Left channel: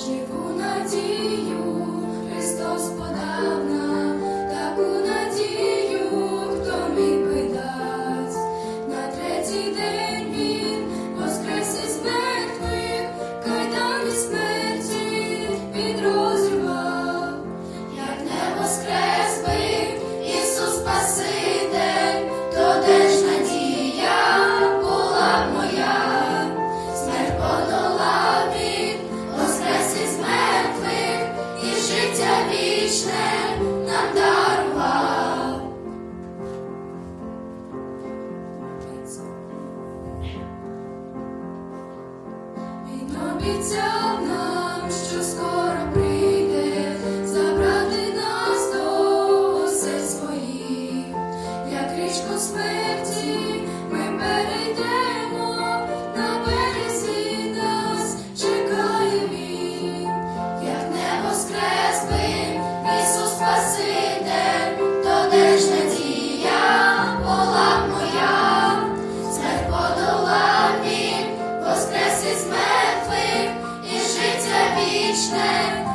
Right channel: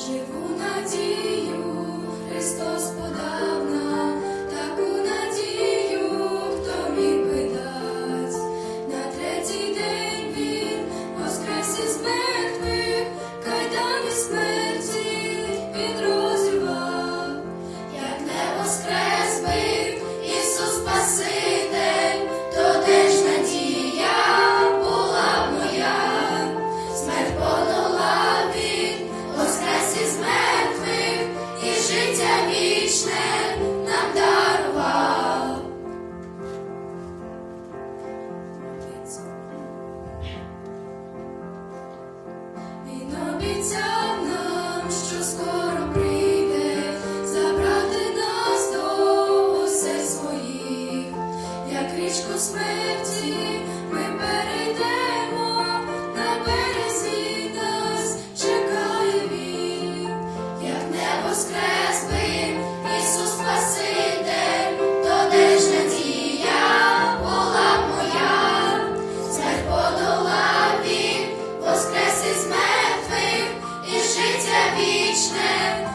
живу надію. вічне нам дарував. Він обіцяв нам, що скоро прийде забрати нас до осель своїх, як річку смерть. вічне.